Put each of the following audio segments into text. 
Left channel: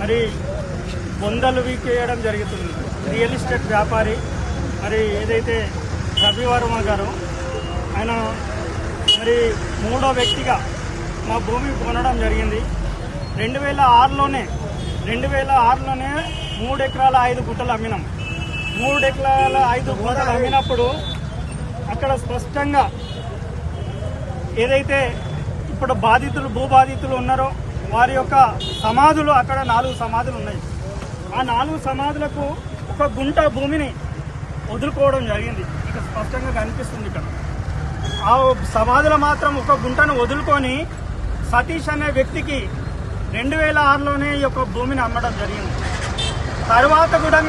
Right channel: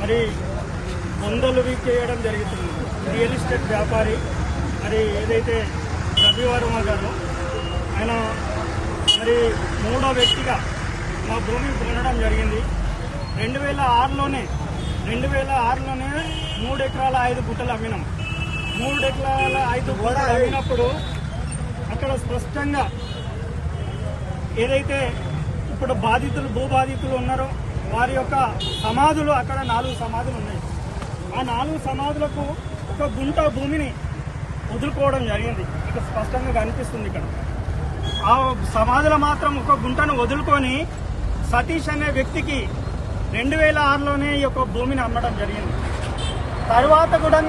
మరి బొందలు వీకేయడం జరుగుతుంది. Real estate వ్యాపారి మరి ఏదైతే రవివర్మ గారు ఆయన మరి మూడో వ్యక్తిగా మా భూమి కొనడం జరిగింది. రెండు వేల ఆరులోనే రెండు వేల ఆరులోనే మూడు ఎకరాల ఐదు గుంటలు అమ్మినాం. మూడు ఎకరాల ఐదు గుంటలు అమ్మినప్పుడు అక్కడ స్పష్టంగా ఏదైతే ఇప్పుడు బాధితులు భూ బాధితులు ఉన్నారో వారి యొక్క సమాధులు అక్కడ నాలుగు సమాధులు ఉన్నాయి. ఆ నాలుగు సమాధులకు ఒక గుంట భూమిని వదులుకోవడం జరిగింది. ఇక స్పష్టంగా కనిపిస్తుంది ఇక్కడ. ఆ సమాధులు మాత్రం ఒక గుంటను వదులుకొని సతీష్ అనే వ్యక్తికి రెండు వేల ఆరులోనే ఈ యొక్క భూమిని అమ్మడం జరిగింది. తర్వాత కూడా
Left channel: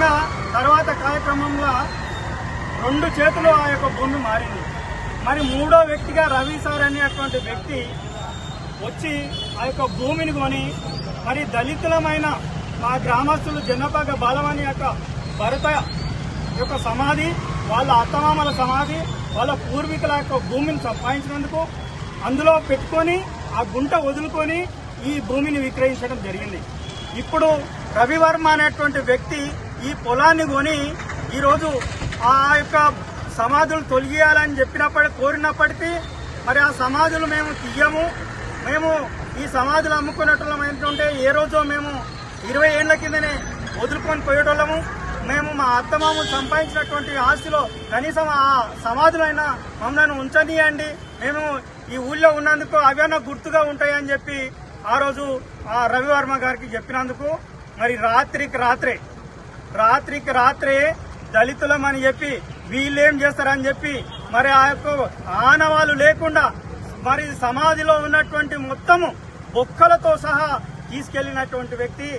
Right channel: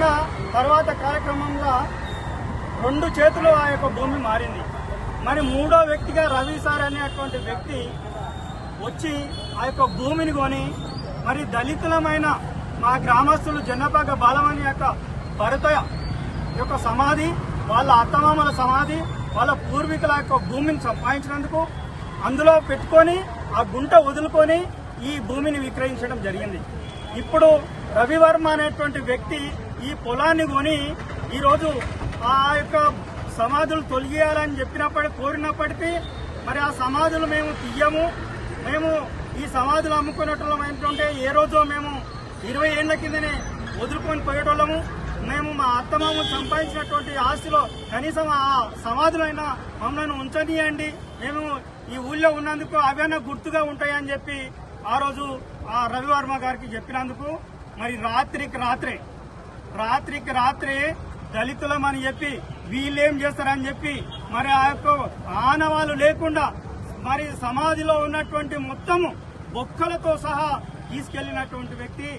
తర్వాత కార్యక్రమంలో రెండు చేతులు ఆ యొక్క భూమి మారింది. మరి మూడో వ్యక్తిగా రవి సార్ అనేటువంటి వ్యక్తి వచ్చి ఆ యొక్క భూమిని కొని మరి దళితులమైన మా గ్రామస్తులు జన్నపాక బాలవాణి యొక్క భరత యొక్క సమాధి వాళ్ళ అత్తమామల సమాధి వాళ్ళ పూర్వీకుల యొక్క భూమిని సంపాదించినందుకు అందులో పెట్టుకొని ఆ గుంట వదులుకొని ఈ భూమిని విక్రయించడం జరిగింది. ఇప్పుడు రవివర్మ అనేటువంటి వ్యక్తి ఈ పొలాన్ని కొని ఈరోజు ఆ యొక్క సమాధులు తొలగియాలని చెప్పినప్పటికీ కోరినప్పటికీ మరి ఆ సమాధులు మేము తీయము. మేము ఈ సమాధులు అమ్ముకునేటోళ్ళం ఏంటంటే ఏ రోజో మేము ఇరవై ఏళ్ళ కిందనే వదులుకొని పోయేటోళ్ళము. మేము మా అత్తమాము సంపాదించినటువంటి ఆస్తిలో కనీసం ఆ సమాధులైనా మమ్మల్ని ఉంచనీయండి. మేము ఈ ఊళ్ళో ఉన్నందుకు అవైనా గుర్తుగా ఉంటాయని చెప్పి ఆ రోజు ఆ రవివర్మ గారికి చెప్పినందుకు మరి రాత్రికి రాత్రే రాత్రికి రాత్రే దళితులం అని చెప్పి వీళ్ళేం చేస్తారని చెప్పి మరి ఆ యొక్క ఆనవాళ్ళు లేకుండా మరి సమాధిలో ఉన్నటువంటి మొత్తము బొక్కలతో సహా తీసుకెళ్ళినటువంటి వ్యక్తి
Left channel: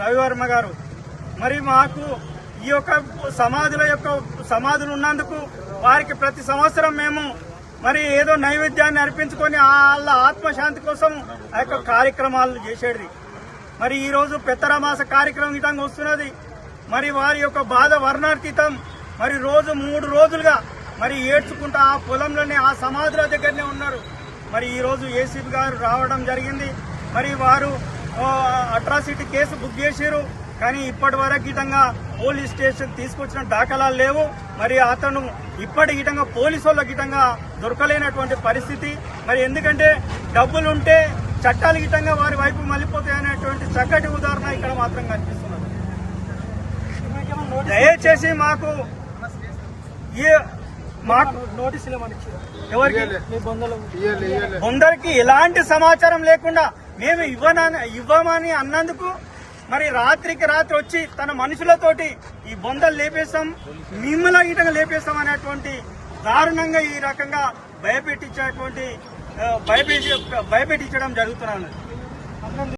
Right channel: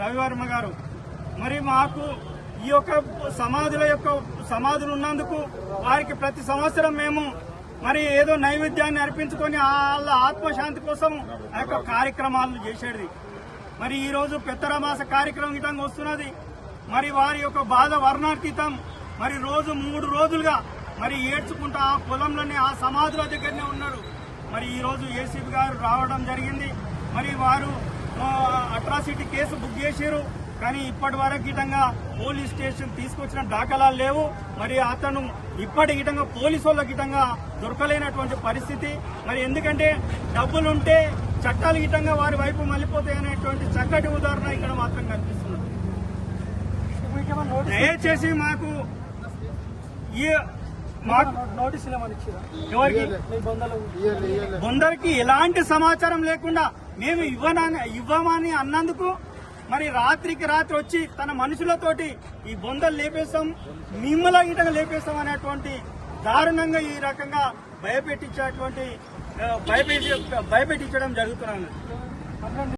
రవివర్మ గారు. మరి మాకు ఈ యొక్క సమాధుల యొక్క సమాధులు ఉన్నందుకు వారికి ప్రతి సంవత్సరం మేము మరి ఏదో నైవేద్యాన్ని అర్పించుకొని వాళ్ళ ఆత్మశాంతి కోసం ఆ యొక్క కార్యక్రమాలు చేసేది. మరి ఈరోజు పెత్తరమాస కార్యక్రమం విధంగా వస్తున్నది. మరి వారి యొక్క బాధ వర్ణాతీతం. మరి రోజు మూడు రోజులుగా మరి ఏడ్చుకుంటా ఆ పొలంలోనే ఆ సమాధుల దగ్గరనే ఉన్నారు. మరి ఈరోజు ఏసీబీ గారు రావడం జరిగింది. మరి వారు అట్రాసిటీ కేసు బుక్ చేశారు. కానీ ఇప్పటి వరకు గితంగా పోలీస్ స్టేషన్ తీసుకొచ్చిన దాఖలాలు లేవు. మరి అతను ఇప్పటి గిటంగా పోలీసు వాళ్ళ గితంగా దొరకలేనటువంటి పరిస్థితి. మరి ఎందుకంటే డబ్బులుంటే చట్టాల గితంగా వారి వైపు మళ్ళీపోతాయనేటువంటి చక్కటి ఉదాహరణ ఇక్కడ మాత్రం కనిపిస్తున్నది. దయచేసి మాకు ఈ మాకు ఎవరికి? కొందరికి ఎలాంటి సమాచారం లేకుండా మేము ఇవ్వనా ఇవ్వమని అన్నందుకు మరి రాత్రికి రాత్రి వచ్చి తన మనుషులతోటి ఈ బొందలు లేపేస్తాం మిమ్మల్ని ఈటంగా లేపేస్తాం అనేటువంటి దారుణంగా ఈ రకంగా భయపెట్టించేటువంటి భయపెట్టి భయపెట్టించడం జరుగుతున్నాను